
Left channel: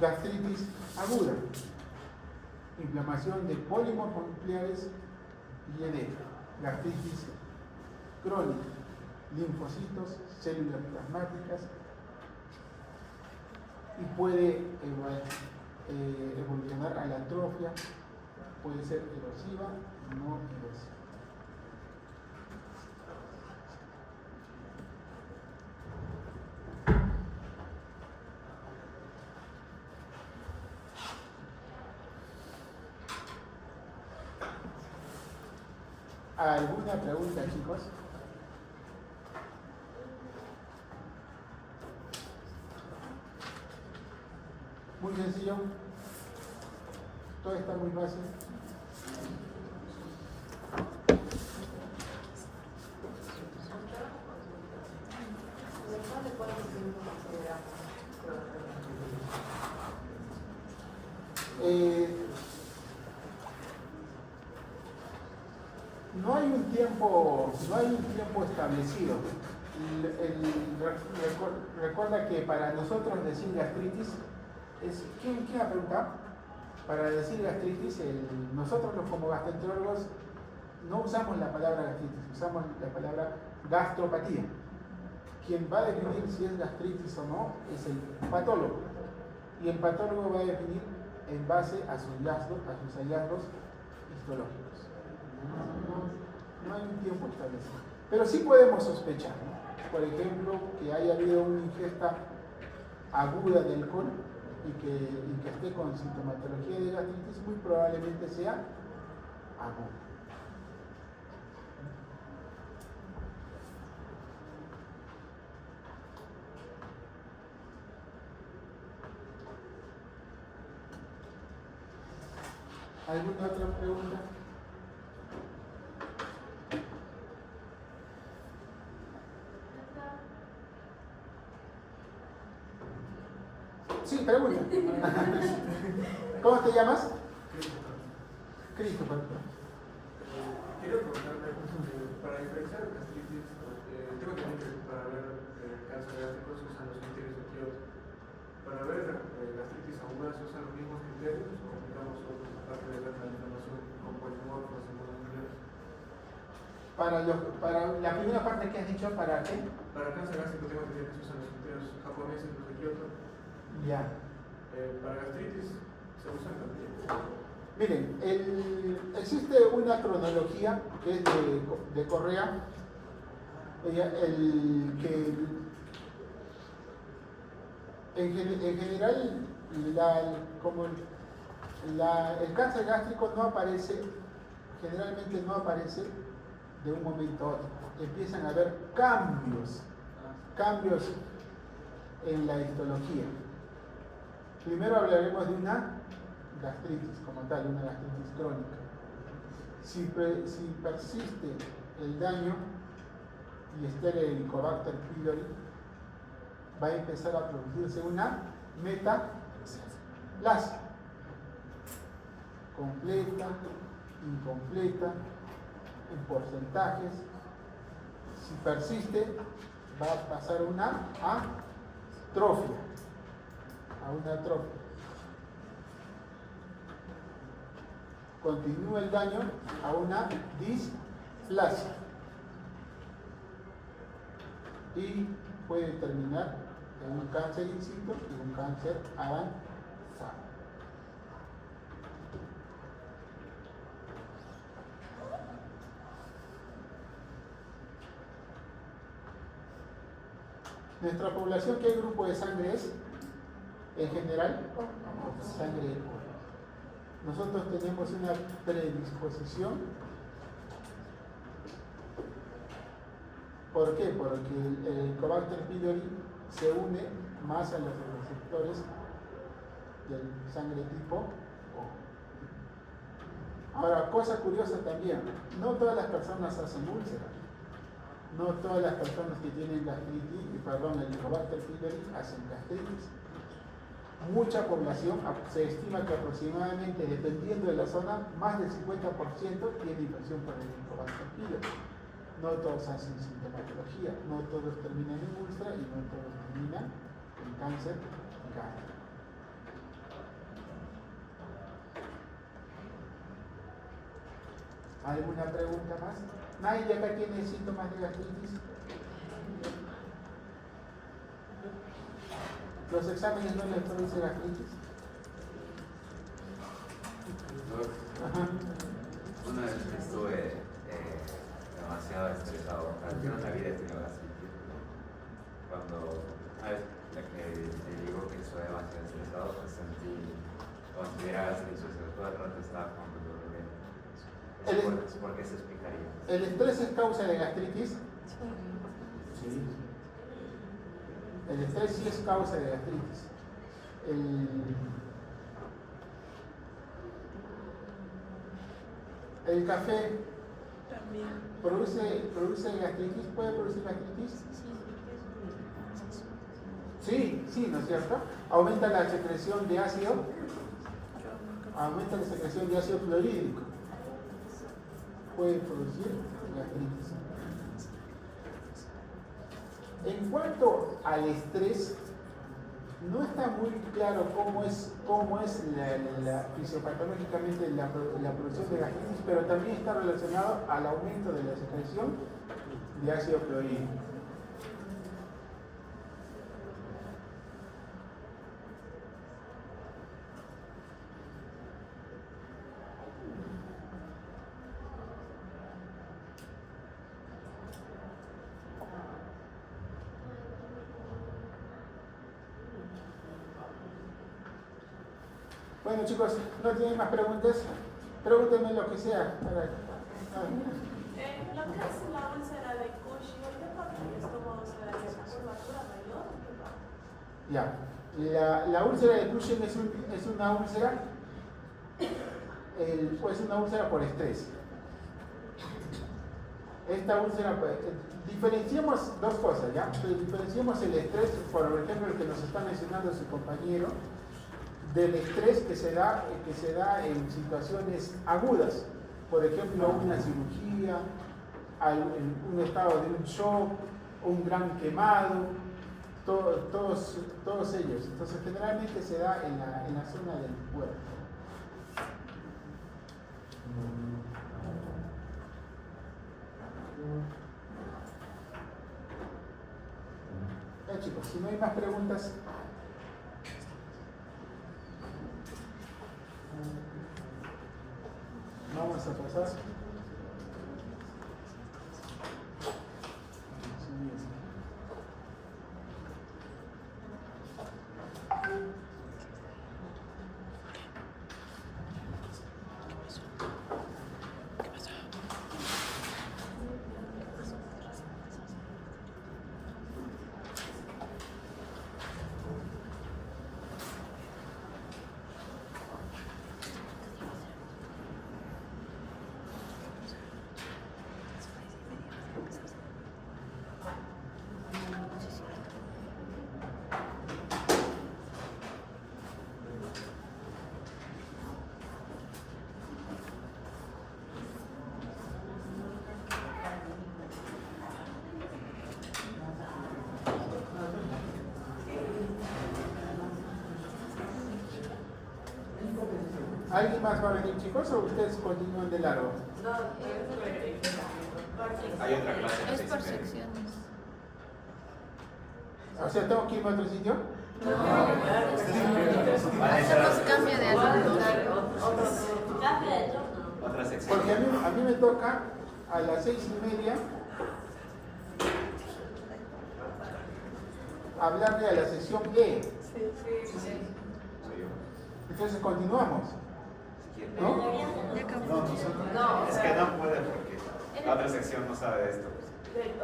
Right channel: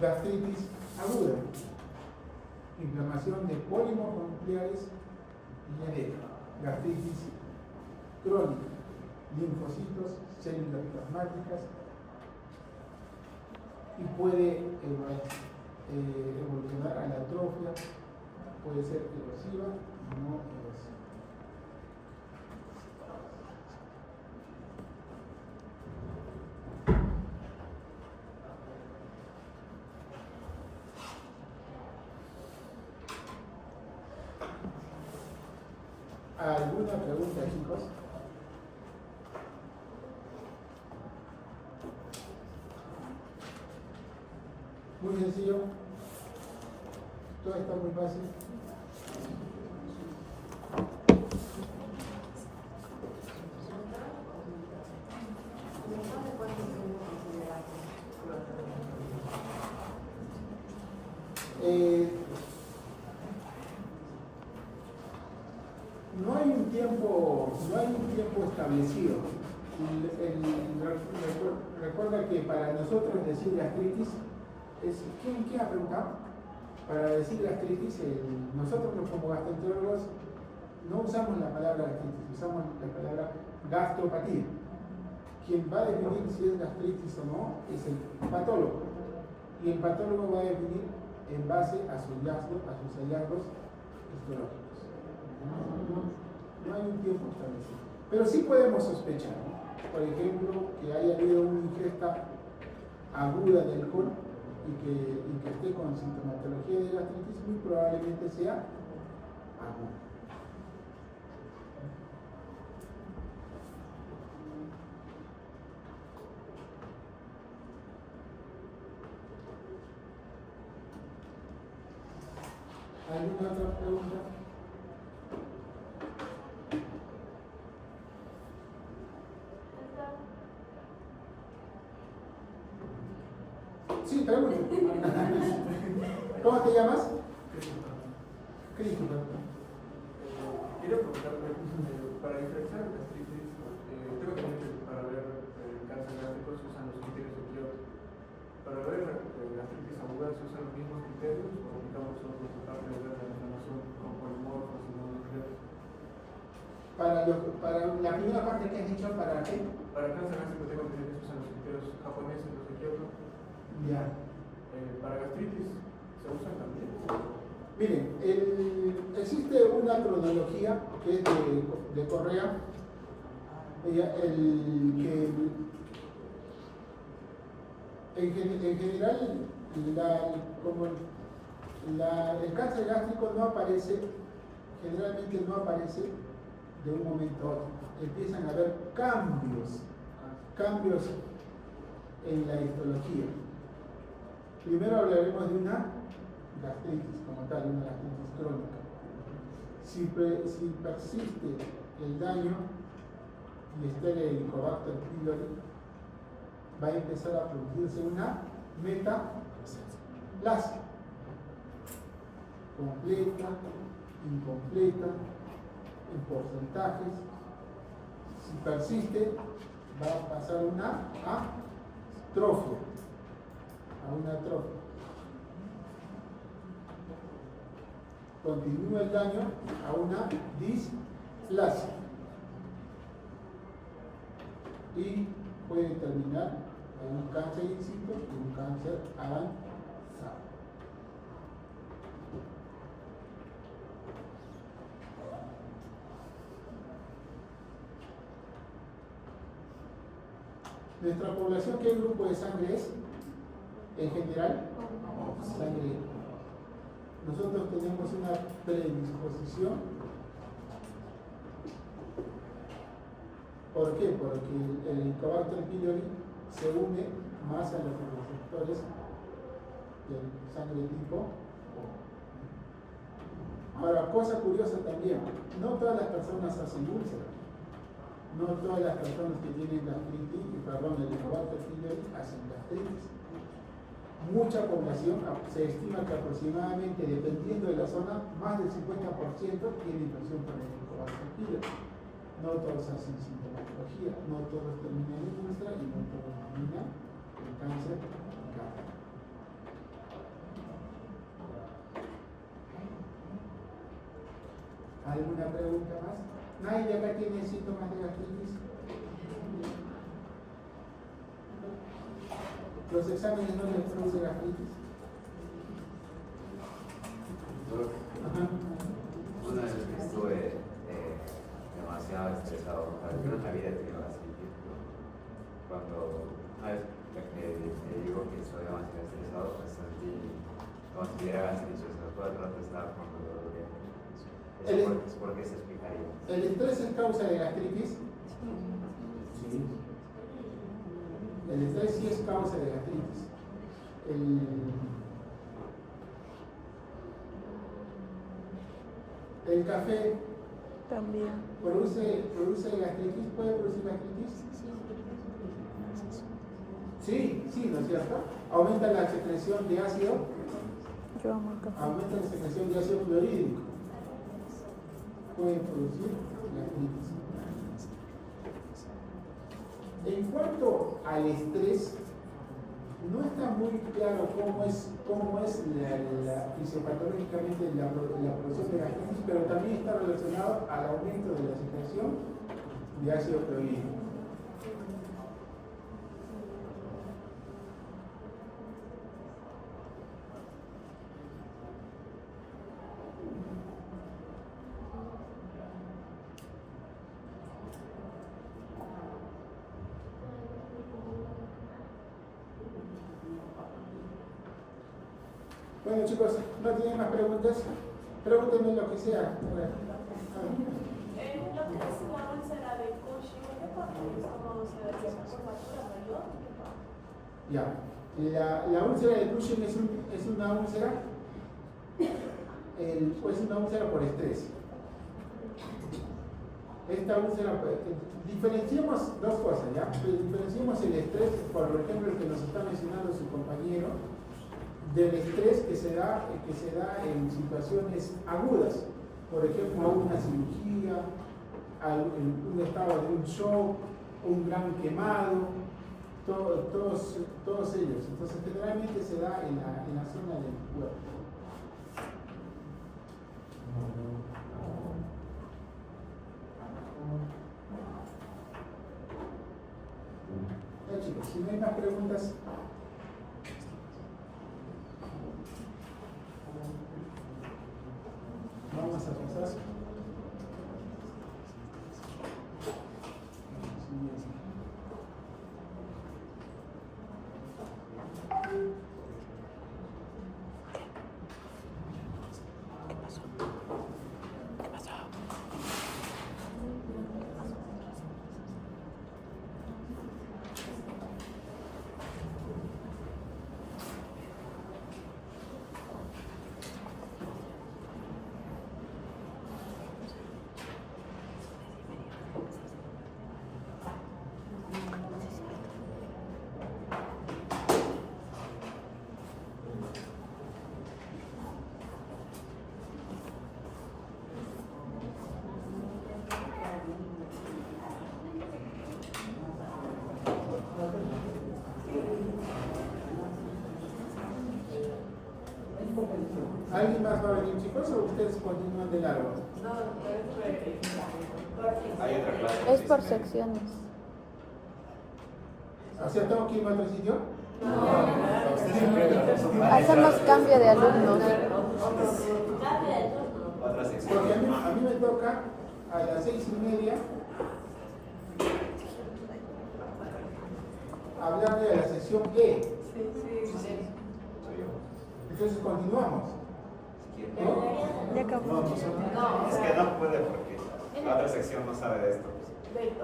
Gastritis aguda, inflamación de pólipos nucleares y edema. Gastritis crónica, linfocitos, células plasmáticas, y puede evolucionar a la atrofia, puede ser erosiva, no erosiva. ¿Alguna pregunta, chicos? Muy sencillo. Todo está muy fácil. No hay un tiempo establecido. Recuerda que para nosotros decir gastritis es, ¿quién ha preguntado? Para decir gastritis, nosotros como gastroenterólogos no usamos la palabra gastritis, usamos la palabra gastropatía. Quien va a definir si es gastritis o no es el patólogo, y el patólogo va a definir en base a sus hallazgos histológicos. No hay un tiempo establecido, pero sí podemos sospechar, ¿no? Por ejemplo, que haya habido una ingesta aguda de alcohol y que esté con sintomatología de gastritis, muy probablemente sea aguda. ¿Alguna otra pregunta? Sí, pregunta. ¿Cómo te llamas? Christopher. Quería preguntarte, para diferenciar gastritis, digo también que para ver cáncer gástrico se usan los criterios de Kyoto. Para ver gastritis aguda se usan los mismos criterios, o digamos otros aparte de la denominación como polimorfos y mononucleares. Para la primera parte que has dicho, ¿para qué? Para cáncer gástrico tengo que decir que se usan los criterios japoneses, los de Kyoto. Ya. Para gastritis se usan también. Miren, existe una cronología que es de Correa, Oiga, en general, el cáncer gástrico no aparece, generalmente no aparece de un momento a otro. Empiezan a haber cambios en la histología. Primero hablaremos de una gastritis como tal, una gastritis crónica. Si persiste el daño y está el Helicobacter pylori, va a empezar a producirse una metaplasia completa, incompleta, en porcentajes. Si persiste, va a pasar una atrofia, Continúa el daño a una displasia y puede terminar en un cáncer in situ y un cáncer avanzado. Nuestra población, ¿qué grupo de sangre es? En general, sangre. Nosotros tenemos una predisposición. ¿Por qué? Porque el Helicobacter pylori se une más a los receptores del sangre tipo O. Ahora, cosa curiosa también, no todas las personas hacen úlceras. No todas las personas que tienen gastritis, el Helicobacter pylori hacen gastritis. Mucha población, se estima que aproximadamente, dependiendo de la zona, más del 50% tiene infección por el Helicobacter pylori. No todos hacen sintomatología, no todos terminan en úlcera y no todos terminan en cáncer gástrico. ¿Alguna pregunta más? ¿Nadie de acá tiene síntomas de gastritis? ¿Los exámenes no les producen gastritis? Ajá. Una vez estuve demasiado estresado, yo no había tenido gastritis, pero cuando te digo que estoy demasiado estresado, sentí como si tuviera gastritis, todo el rato estaba con dolor de ¿Por qué se explicaría? ¿El estrés es causa de gastritis? Sí. El estrés sí es causa de gastritis. El café También. produce gastritis, ¿puede producir gastritis? Sí, ¿no es cierto? Aumenta la secreción de ácido, clorhídrico. Puede producir gastritis. En cuanto al estrés, no está muy claro cómo es fisiopatológicamente la producción de gastritis, pero también está relacionado al aumento de la secreción de ácido clorhídrico. Bueno chicos, ¿no tienen más preguntas? Pregúntenme lo que sea. Lo que es la úlcera de Cushing, ¿qué parte del estómago se daría? ¿Musculatura mayor? Ya. La úlcera de Cushing es una úlcera, pues una úlcera por estrés. Esta úlcera, diferenciemos dos cosas, ¿ya? Diferenciemos el estrés, por ejemplo, el que nos está mencionando su compañero, del estrés que se da en situaciones agudas, por ejemplo una cirugía, un estado de un shock, un gran quemado, todos ellos. Entonces generalmente se da en la zona del cuerpo. Ya chicos, si no hay más preguntas. Vamos a pasar. ¿Alguien más va a venir, chicos, o ustedes continúan de largo? Hay otra clase. Es por secciones. O sea, ¿tengo que irme a otro sitio? Hacemos cambio de alumnos. Otra sección. Porque a mí me toca a las 6:30 hablarle a la sección E. Soy yo. Entonces continuamos. ¿No? Ya acabó. Es que no puede porque la otra sección no sabe de esto.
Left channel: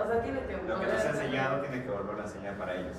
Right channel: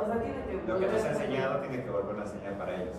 O sea, tiene que Lo que nos ha enseñado tiene que volver a enseñar para ellos.